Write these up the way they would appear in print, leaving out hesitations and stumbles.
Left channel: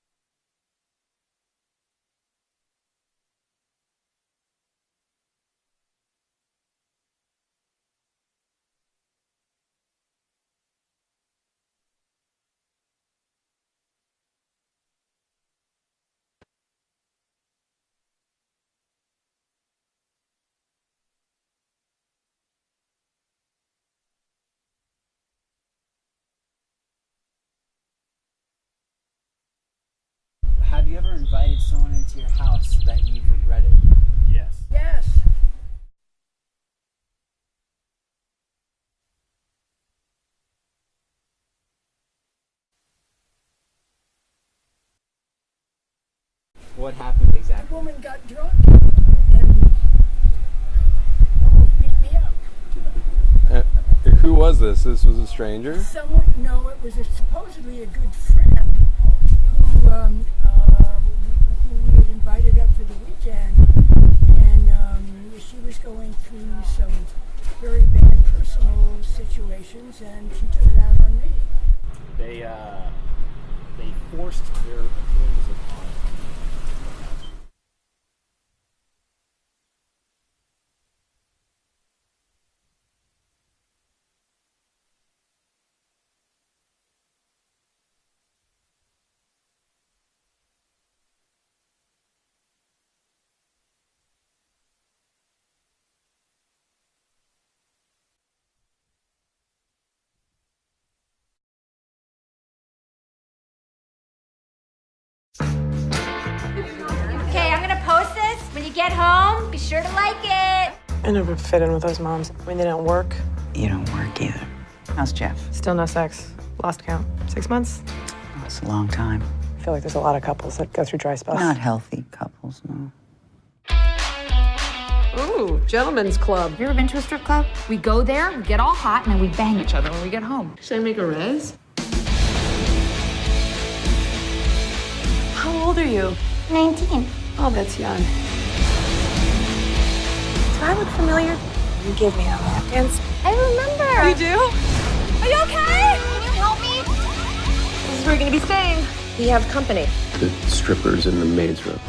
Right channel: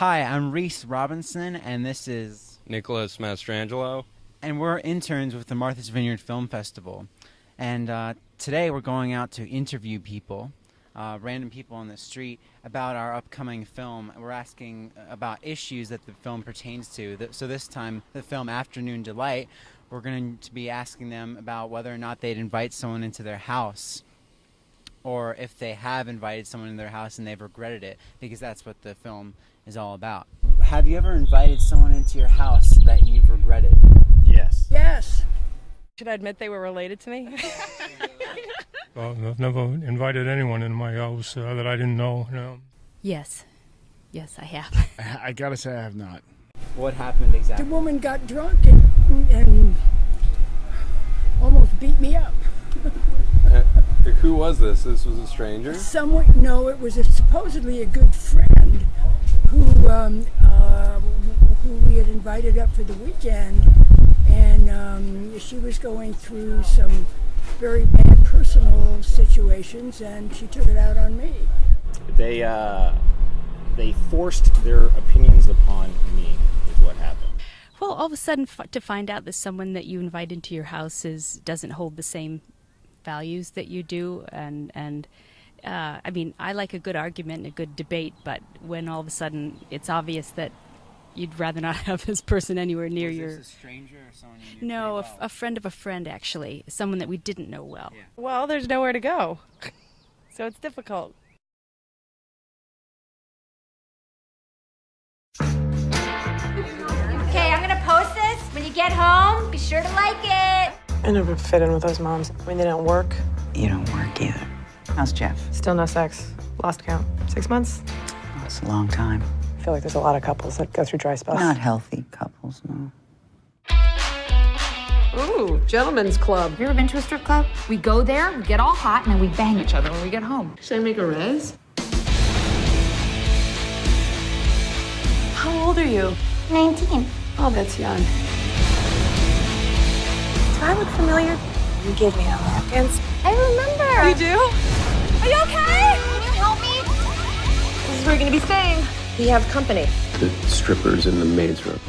Hi, I'm Reese Robinson, and this is Nicholas Mastrangelo. And we're interns with the Martha's Vineyard Film Festival. And today we're going out to interview people, random people on the street, about our upcoming film. We're asking about issues that the film pertains to. So this time, the film Afternoon Delight, we're going to be asking them about whether or not they'd invite someone into their house, or if they have invited someone in their house and they've regretted it, because that's what the film is all about. Have you ever invited someone into your house that you've regretted? Yes. Yes. Should I admit they were related to me? Well, I've never invited anyone in my house that I didn't know. No. Yes. Yes, I have. I gotta say I have not. What happened The exactly? woman got drunk and almost beat me up. Who was this? This was a stranger? No, it was supposedly a good friend who we had invited up for the weekend, and she was going through some very bad personal situations, and she took it out on me. They forced their opinions upon me, is what happened. Well, all of a sudden, to find out that someone that you invite into your house doesn't hold the same values that you do, and I mean, I like a good argument and a good debate, but when all of a sudden it's obvious that you'd rather not have this person anywhere near Was your... this a stranger or someone you knew No, pretty well? a friend of a friend, actually. Someone that we didn't know well. Yeah. Well, there's nowhere to go. So it's difficult. Okay, I'm gonna post this. When you get home, be sure to like it. I never fit in with those moms. I mean, they don't work. You don't work either. How's Jeff? Still no sex. Lost count. 6 months? Oh, it's a long time. I feel like there's a lot of couples that go through dry spells. Not healthy couples, no. Ooh, gentlemen's club. Have you ever been to a strip club? We go there, we get all hot, and then we bang each other when we get home. Should I make a res? How old are you? 19. Oh, that's young. Do I look familiar? You gave me a lap dance. I remember. You do? Are you okay? Can you help me? This is where you're gonna be staying. We have company. The stripper's in the maid's room.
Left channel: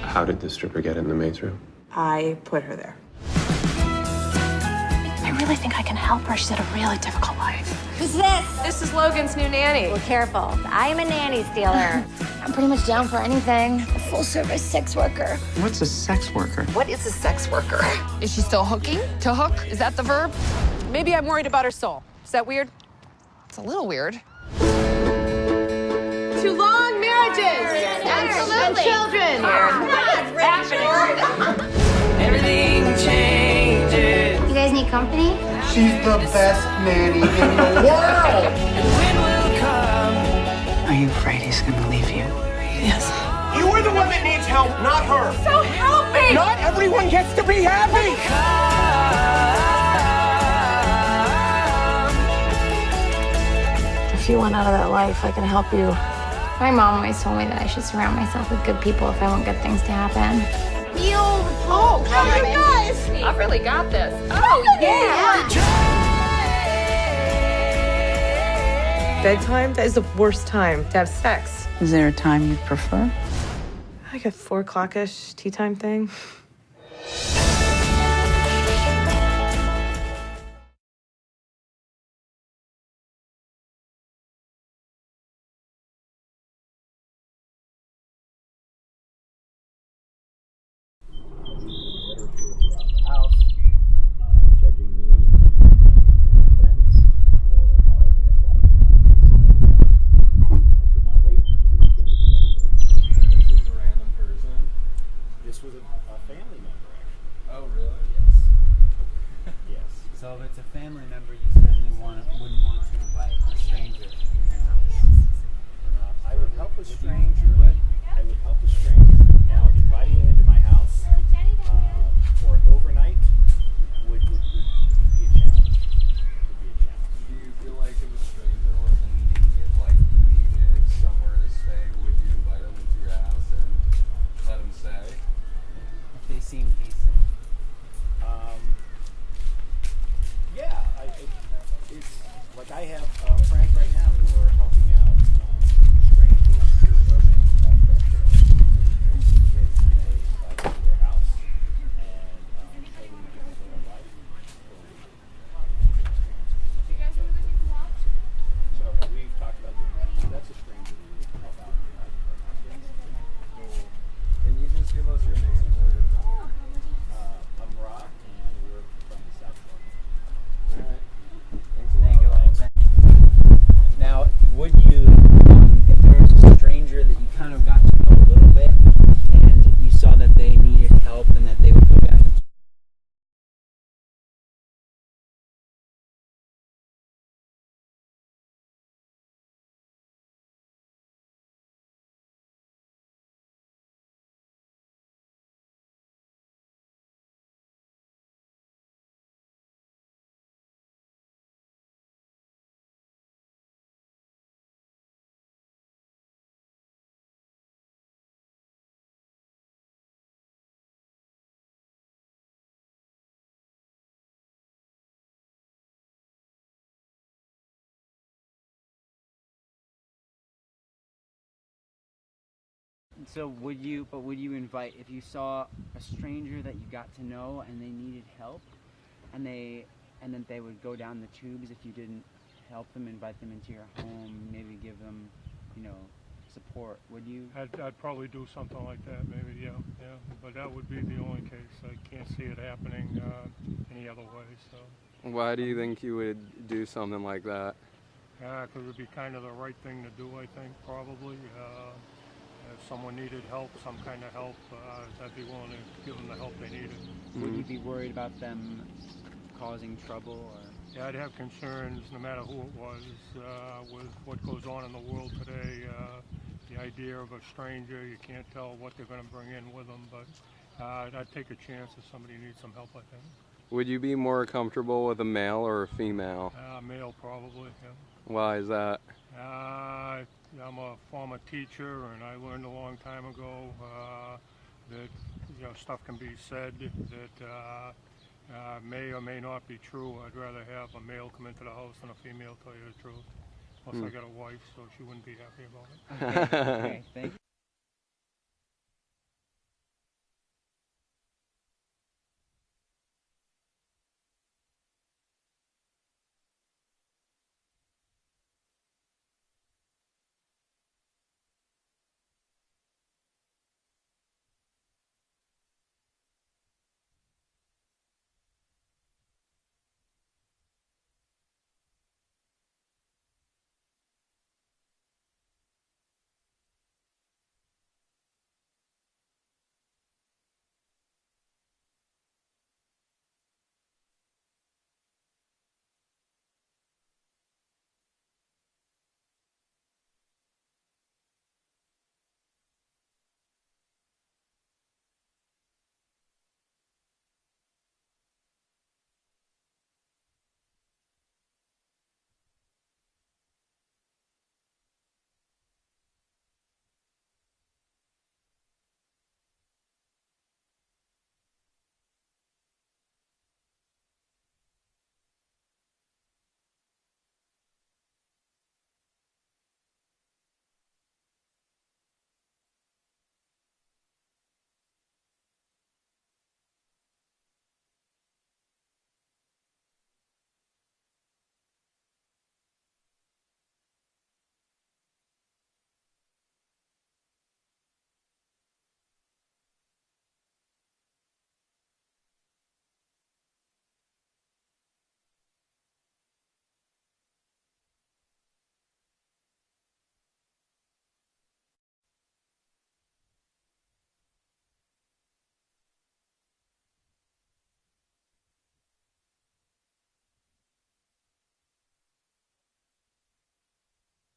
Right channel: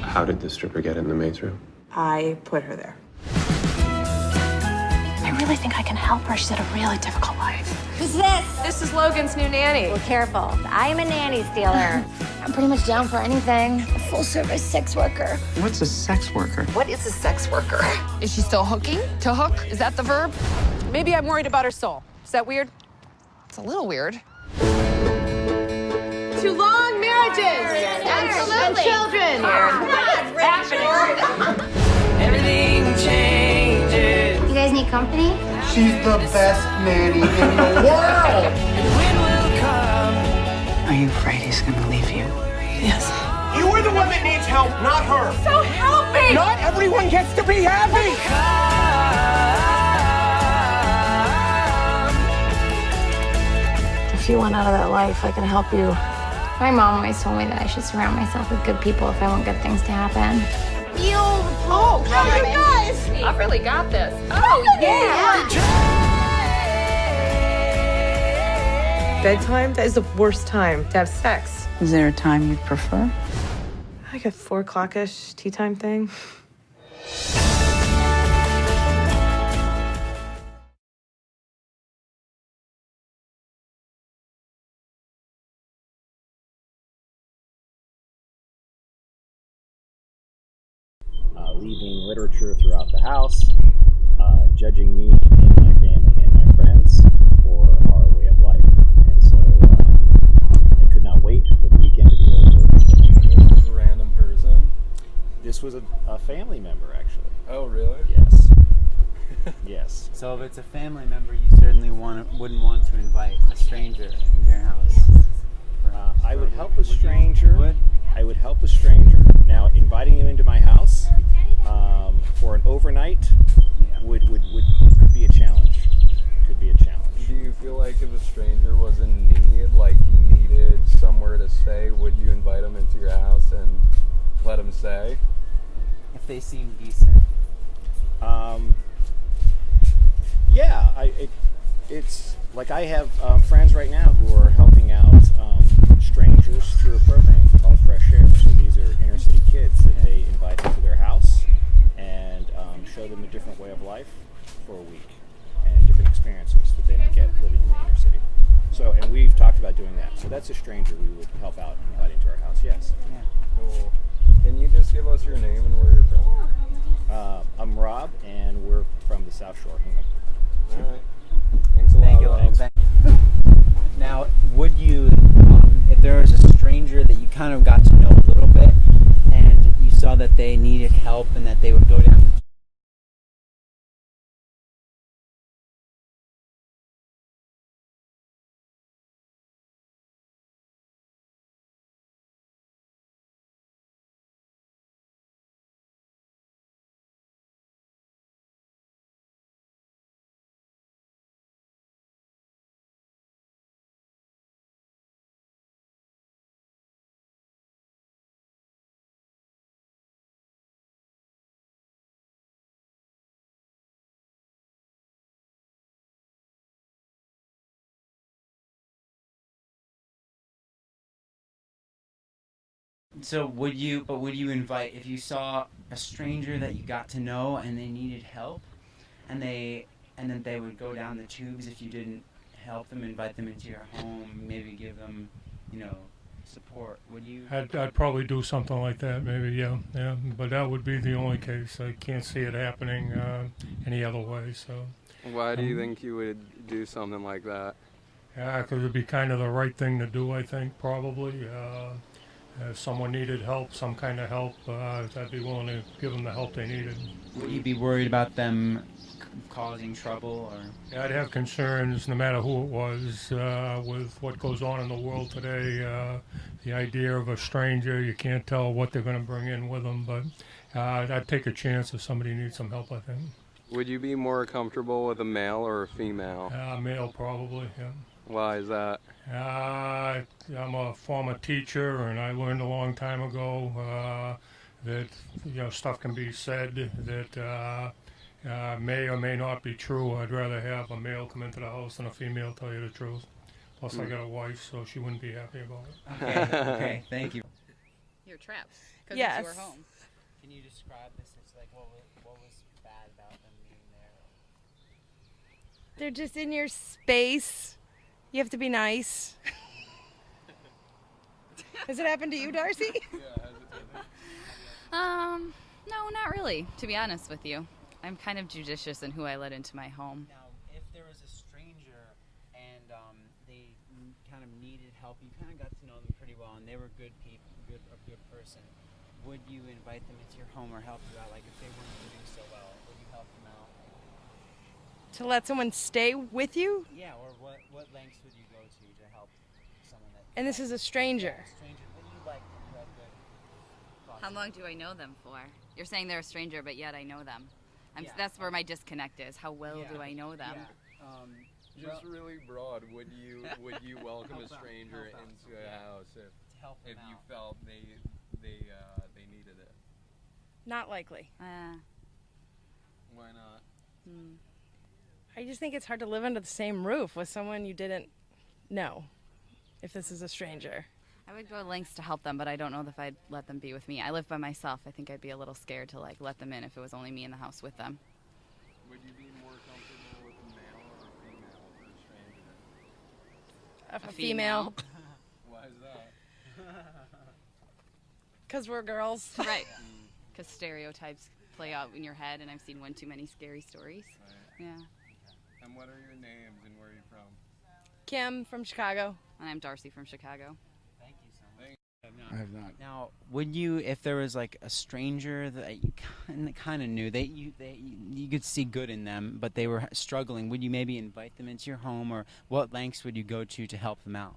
How did the stripper get in the maid's room? I put her there. I really think I can help her. She's had a really difficult life. Who's this? This is Logan's new nanny. Well, careful. I am a nanny stealer. I'm pretty much down for anything. A full-service sex worker. What's a sex worker? What is a sex worker? Is she still hooking? To hook? Is that the verb? Maybe I'm worried about her soul. Is that weird? It's a little weird. Too long marriages! Absolutely. And children! Everything changes. You guys need company? She's the best nanny in the world! Are you afraid he's gonna leave you? Yes. You are the one that needs help, not her! So help me! Not everyone gets to be happy! If you want out of that life, I can help you. My mom always told me that I should surround myself with good people if I want good things to happen. Oh, you guys! I've really got this. Oh, yeah! Bedtime? That is the worst time to have sex. Is there a time you'd prefer? Like a 4 o'clock-ish tea time thing. Leaving literature throughout the house, judging me and my family and my friends for our way of life. And so I could not wait for the weekend to be over. This was a random person? This was a family member, actually. Oh, really? Yes. Yes. So if it's a family member, you certainly wouldn't want to invite a stranger in your house. I would help a Would you? stranger. You would? I would help a stranger. Now, inviting them into my house for an overnight would could be a challenge. Could be a challenge. Do you feel like if a stranger was in need, like he needed somewhere to stay, would you invite him into your house and let him stay? If they seem decent. Yeah, it's like I have friends right now who are helping out strangers through a program. just give us your name and where you're from? I'm Rob, and we're from the South Shore. All right. Thanks a lot. Thank you. Rob. Now, would you, if there was a stranger that you kind of got to know a little bit, and you saw that they needed help and that they would go down the So would you invite, if you saw a stranger that you got to know and they needed help, and then they would go down the tubes if you didn't help them, invite them into your home, maybe give them, support, would you? I'd probably do something like that, maybe, yeah. But that would be the only case. I can't see it happening any other way. So. Why do you think you would do something like that? Yeah, because it'd be kind of the right thing to do, I think, probably. If someone needed help, some kind of help, I'd be willing to give them the help they needed. Would you be worried about them causing trouble, or? Yeah, I'd have concerns, no matter who it was, with what goes on in the world today. The idea of a stranger, you can't tell what they're going to bring in with them, but I'd take a chance if somebody needs some help, I think. Would you be more comfortable with a male or a female? Male, probably, yeah. Why is that? I'm a former teacher, and I learned a long time ago that stuff can be said that may or may not be true. I'd rather have a male come into the house than a female tell you the truth. Plus, I got a wife, so she wouldn't be happy about it. Okay, thank you. You're trapped because Yes. it's your home. Can you describe this? It's like what was bad about them being there? They're just in your space. You have to be nice. Has it happened to you, Darcy? No, not really, to be honest with you. I'm kind of judicious in who I let into my home. Now, if there was a stranger and they kind of needed help, you kind of got to know them pretty well, and they were good people, a good person, would you invite them into your home or help you out? Like if they weren't doing so well, would you help them out? To let someone stay with you? Yeah, or what lengths would you go to help someone that? And this is a stranger. Yeah, a stranger that you like, who had good thoughts. How long do I know them for? You're saying they're a stranger, but yet I know them. Yeah. That's where my disconnect is. How well do I know them? Yeah. Just really broad. Would you welcome a stranger into a house if you felt they needed it? Not likely. Why not? I just think it's hard to live under the same roof with someone you didn't know, if this is a stranger. I would go lengths to help them, but I don't know if I'd let them be with me. I live by myself. I think I'd be a little scared to let them in if it was only me in the house with them. Would you be more comfortable with a male or a female for a stranger? A female. Why is that? Because we're girls. Right. Because stereotypes play out in your head, and I've seen one too many scary stories. Right. Yeah. And what are your names and where are you from? Kim from Chicago. And I'm Darcy from Chicago. Thank you so much. I have not. Now, would you, if there was like a stranger that you kind of knew, you could see good in them, but they were struggling, would you maybe invite them into your home, or what lengths would you go to help them out?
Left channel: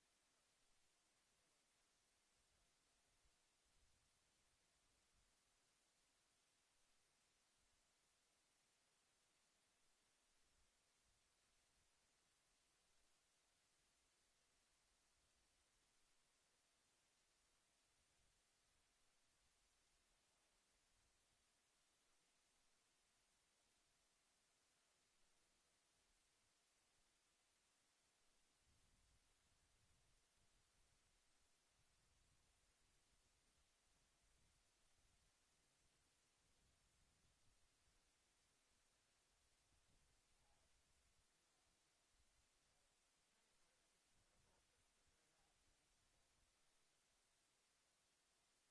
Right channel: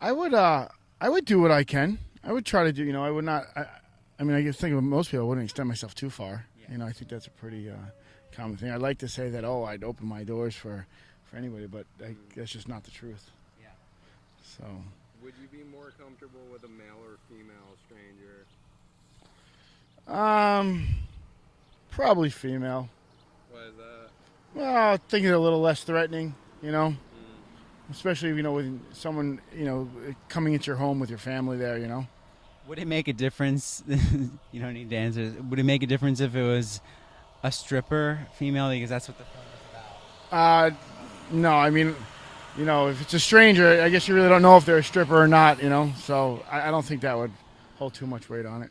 I would do what I can. I would try to do. I would not. I mean, I guess think of most people. I wouldn't extend myself too far. Yeah. I think that's a pretty common thing. I'd like to say that I'd open my doors for anybody, but that's just not the truth. Yeah. So. Would you be more comfortable with a male or female stranger? Probably female. Why is that? Well, I think it's a little less threatening, especially with someone coming into your home with your family there, Would it make a difference? You don't need to answer. Would it make a difference if it was a stripper female, because that's what the film is about? No, I mean, if it's a stranger, I guess you really don't know if they're a stripper or not, So I don't think that would hold too much weight on it.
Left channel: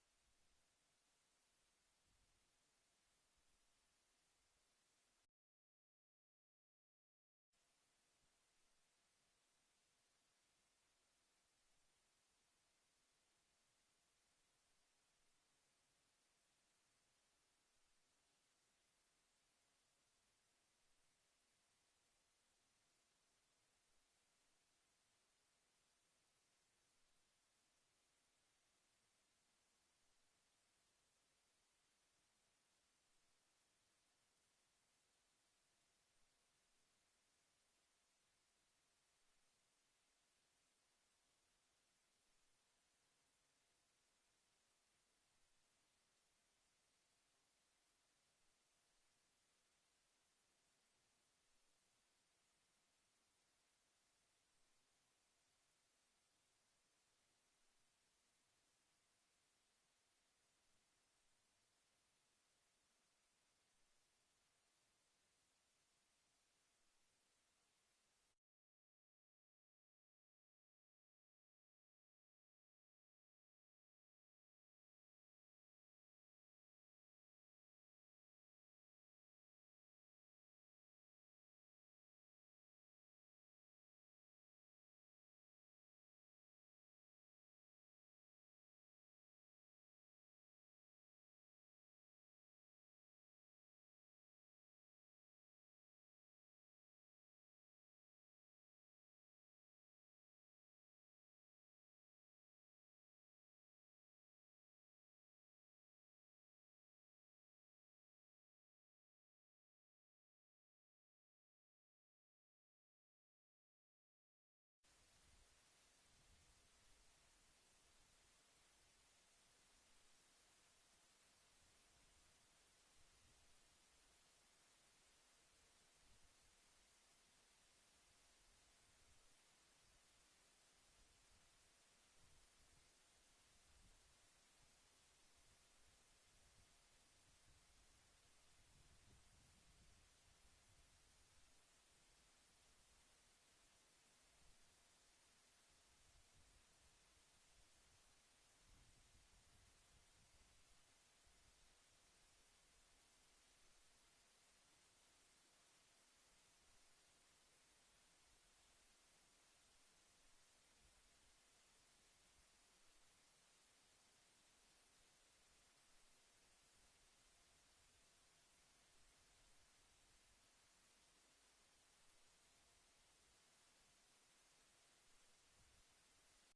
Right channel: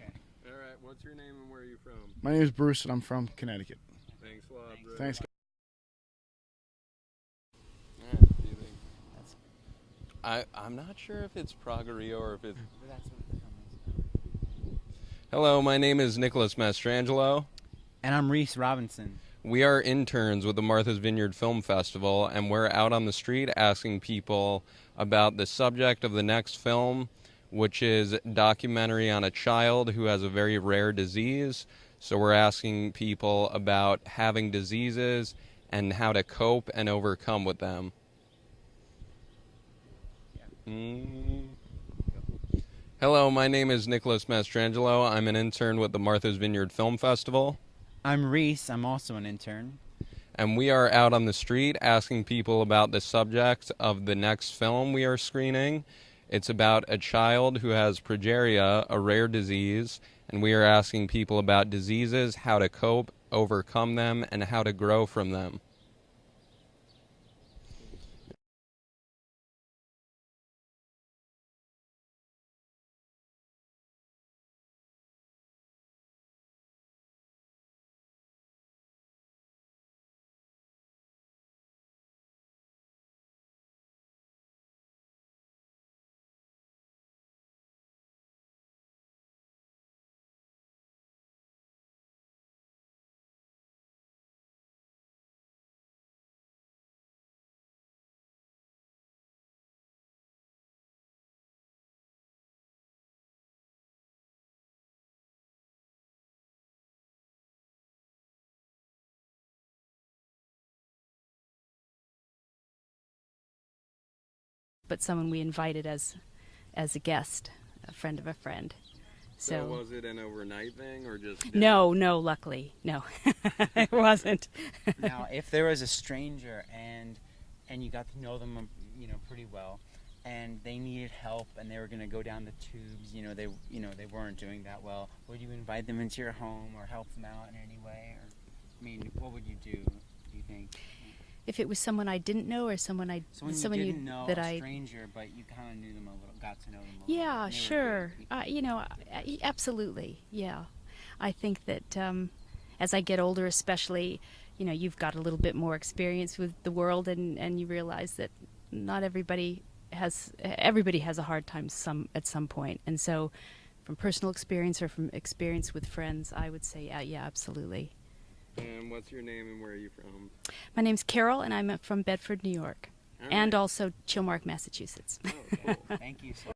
Okay. All right. What's your name and where are you from? My name is Bruce, and I'm from Connecticut. Thanks a lot, Bruce. Thanks. All right, what do you think? I'm not sure if it's Pragerio or if it's... That's what the film is. Hello, my name is Nicholas Mastrangelo. And I'm Reese Robinson. We are interns with the Martha's Vineyard Film Festival, and we're out on the street asking people about the subject of the next film, which is a documentary on a child who has a very rare disease. So we're asking people about having diseases and how to cope and overcome with them. Hello, my name is Nicholas Mastrangelo. I'm an intern with the Martha's Vineyard Film Festival. I'm Reese. I'm also an intern. And we are out on the street asking people about the subject of the next film we are screening. It's about a child who has progeria, a rare disease, and we are asking people about diseases, how to cope, overcome them, and how to grow from them. But someone we invited as a guest, a friend of a friend. So was it an overnight thing or just... No, luckily, no. It wasn't. Now, if there was a stranger and you got to know them, pretty well, and they needed help and they were going to go down the tubes, they weren't doing that well, would you invite them into your home or help them out in any way? Or, I mean, what would you do you think? If it was someone I didn't know or someone you didn't know, that a stranger, but you kind of knew them a little, got to know them a little. Yeah, sure. Absolutely. Yeah, I think that as I get older, especially, you've got a little bit more experience with the world, and you realize that not everybody has a hard time at some point, and so from personal experience or from experience with friends, I would say, yeah, absolutely. And what's your name and where are you from? My name's Carol, and I'm from Bedford, New York, and also Chilmark, Massachusetts. Oh, cool. Thank you so much.